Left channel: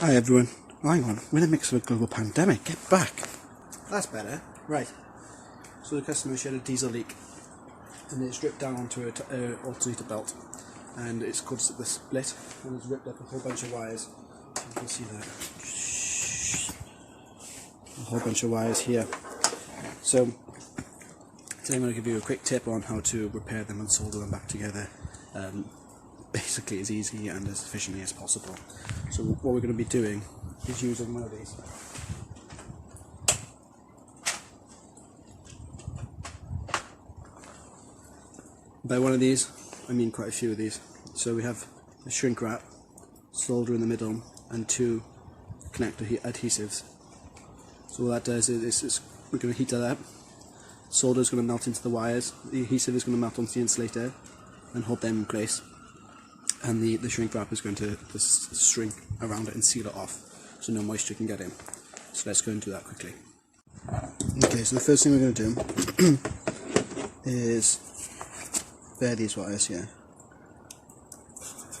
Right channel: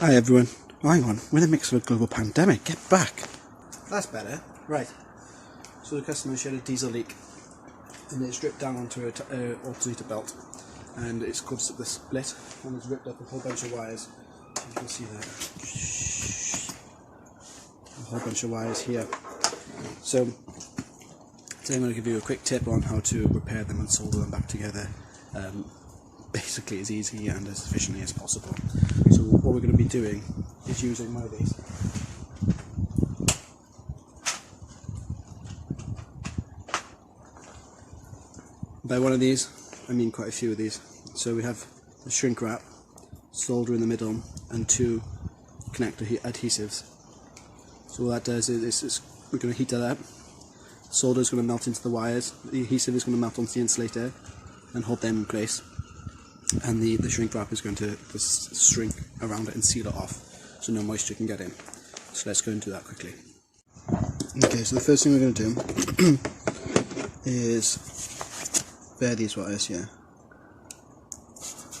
Hi everyone. Oh, hang on, we're in the mix of a global pandemic. Get back. That's better. Right. So the customer had a diesel leak, and it's dripped down onto an alternator belt, and it's caused the split, and it's ripped up a whole bunch of wires. You can see that. A whole bunch of wires here. So today I'm going to give you a quick tip on how to repair them and solder them back together. Basically as easy and as efficiently as possible. So what we're going to be doing is using one of these. By one of these, I mean quite a few of these. So we have the shrink wrap, solder in the middle, and two connector adhesives. So what that does is we're going to heat that up. Solder is going to melt into the wires, the adhesive is going to melt onto the insulator and hold them in place. And the shrink wrap is going to just shrink around it and seal it off so no moisture can get in. So let's go and do that quickly. Okay, so the first thing we're going to do is bare these wires here.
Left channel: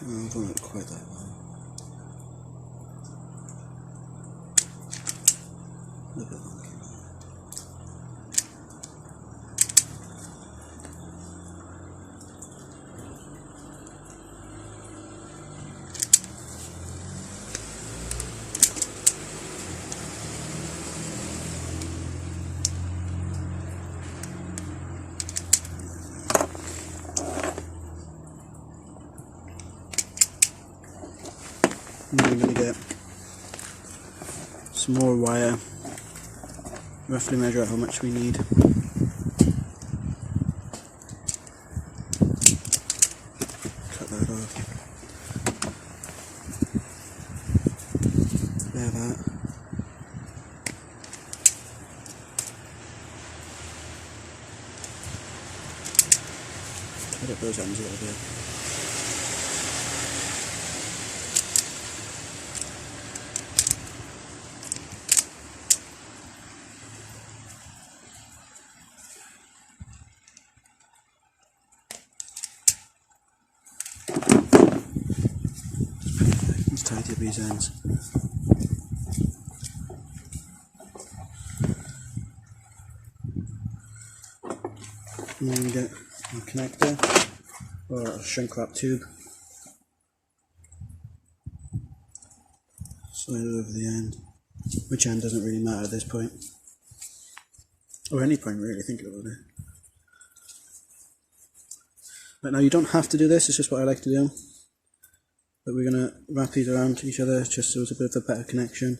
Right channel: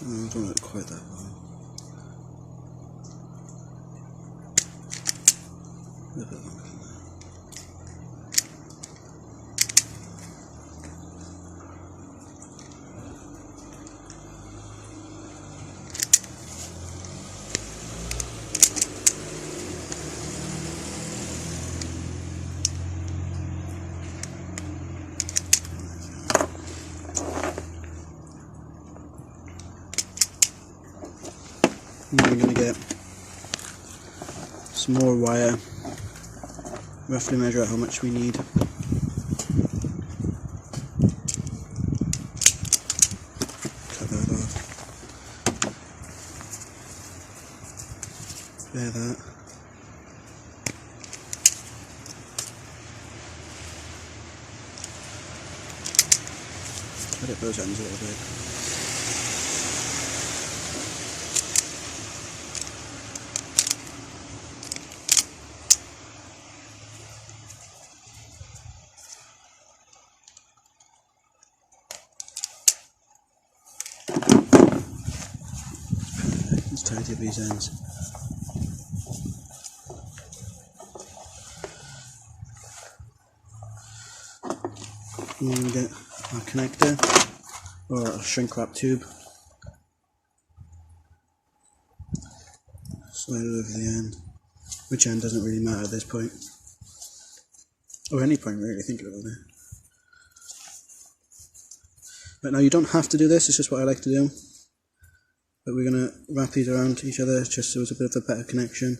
I don't want it quite that long. A little bit longer than that. And then we're going to get some more wire, roughly measure out how much we need. Cut that off. Bare that. Cut it those ends a little bit. Let's tidy up these ends. And then we get our connector or a shrink wrap tube. Slide it over the end. Which end doesn't really matter at this point. Or any point really, thinking about it. But now you don't have to do this, it's just what I like to do. But we're going to wrap these around each other just so it's a bit of a better connection.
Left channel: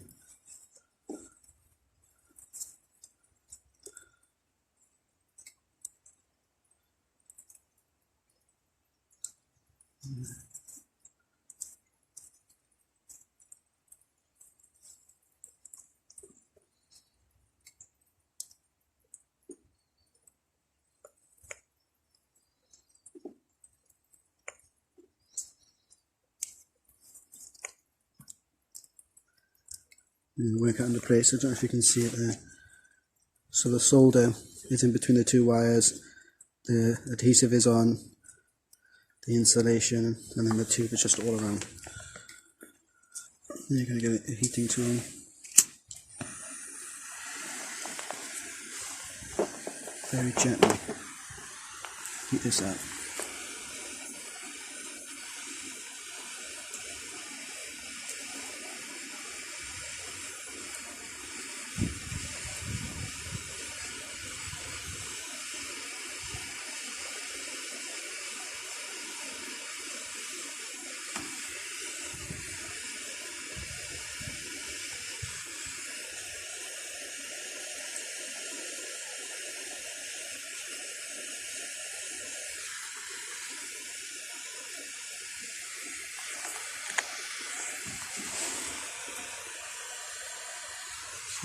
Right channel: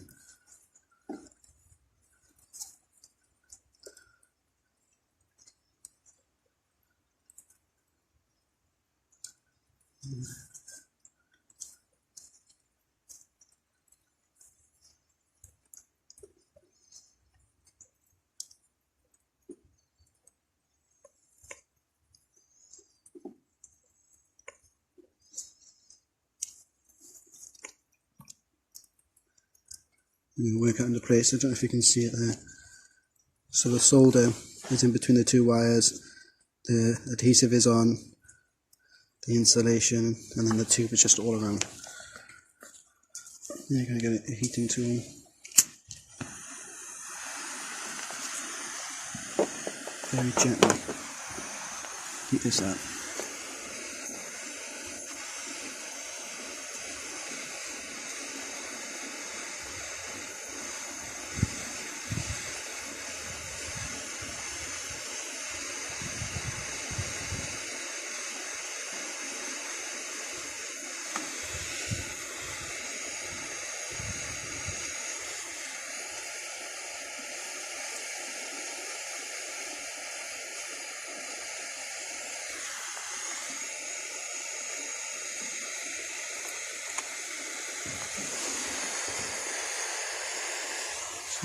And work it into place. I don't know if you can see it there. So the solder is in between the two wires, the adhesive is on the insulation, and then the tube is just all around. And you're going to get a heating tool. Very gently heat this up.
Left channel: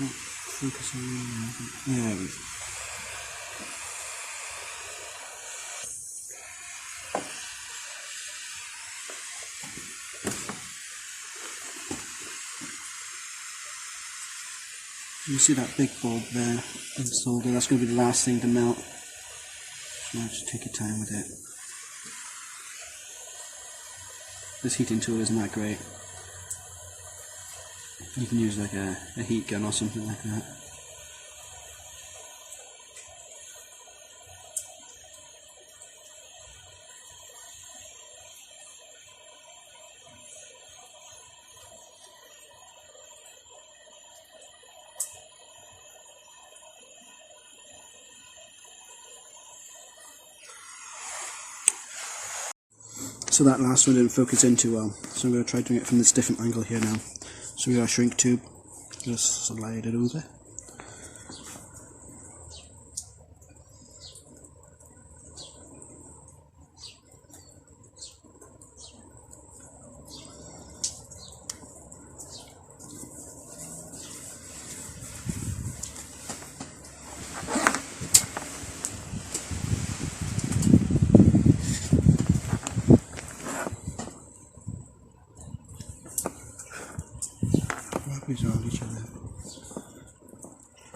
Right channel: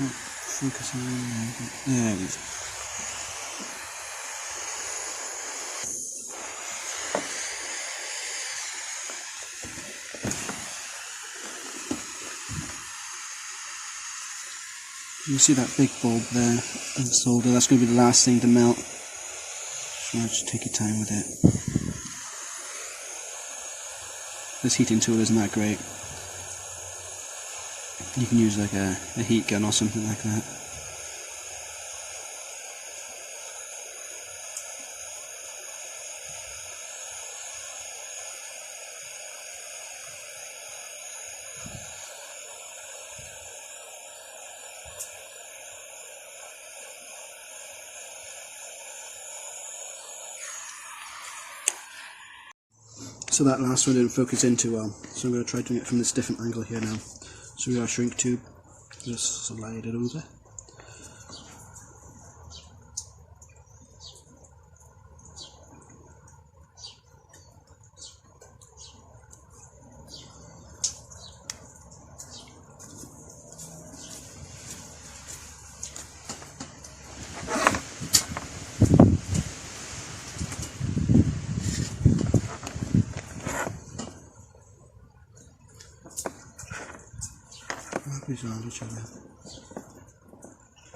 It's not focusing on. Yeah, there it is. You see that big bulb there of solder, that's going to be the last thing to melt. So just take your time with it. This heating tool isn't that great. You can use like a heat gun or something like that. So that last one didn't focus in too well, so I'm going to try doing it from this different angle here now. So we got a shrink tube, just slide it over. Wrap these around each other.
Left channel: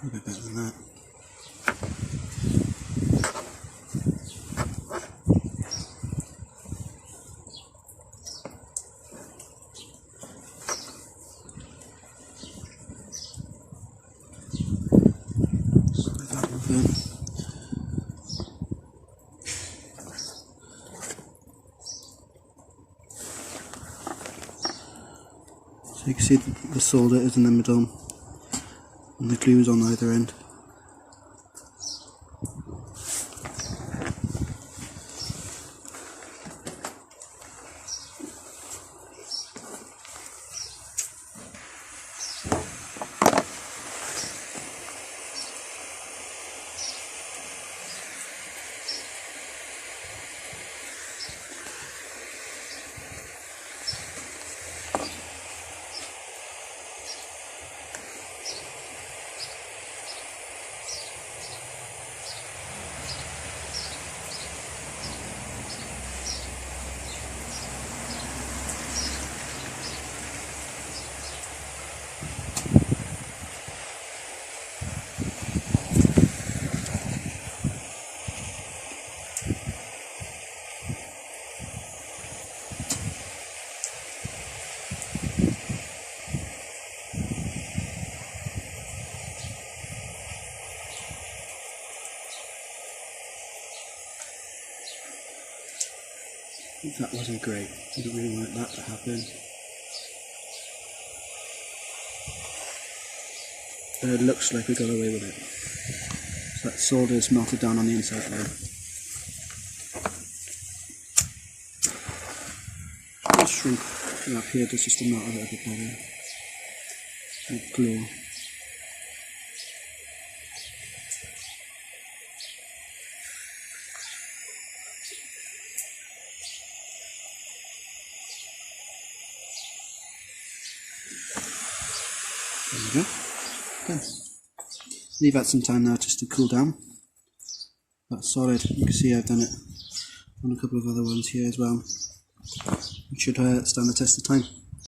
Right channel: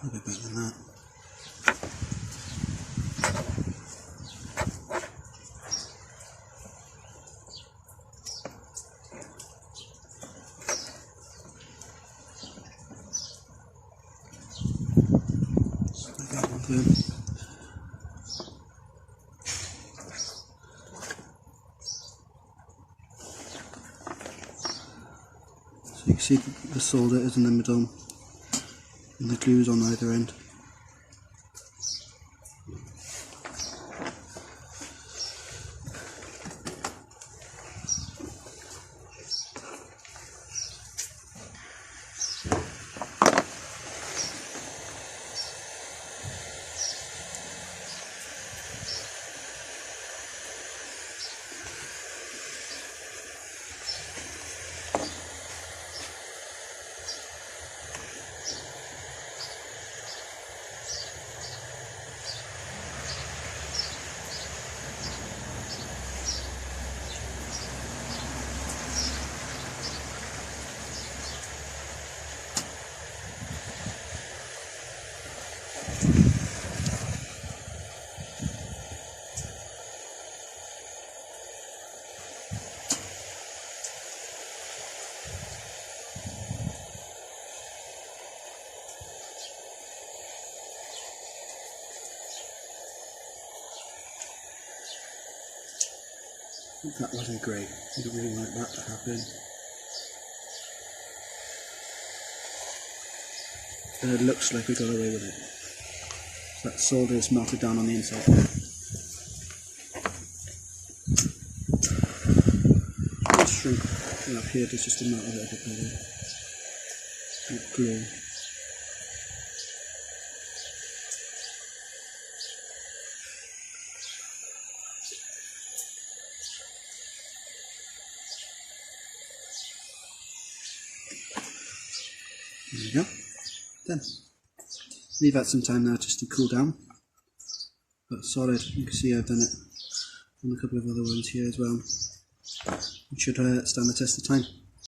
A bit better than that. Slide that over. So you can see the solder is in the middle and the glue's on either end. That wasn't great. I didn't really like that to happen. But it looks like we got away with it. So that solder is melted down on the inside there. Let's shrink up here just to melt a little bit better. With glue. There you go. Done. Leave that some time now just to cool down. That's solid. You can see I've done it on a couple of other ones here as well. It should stand the test of time.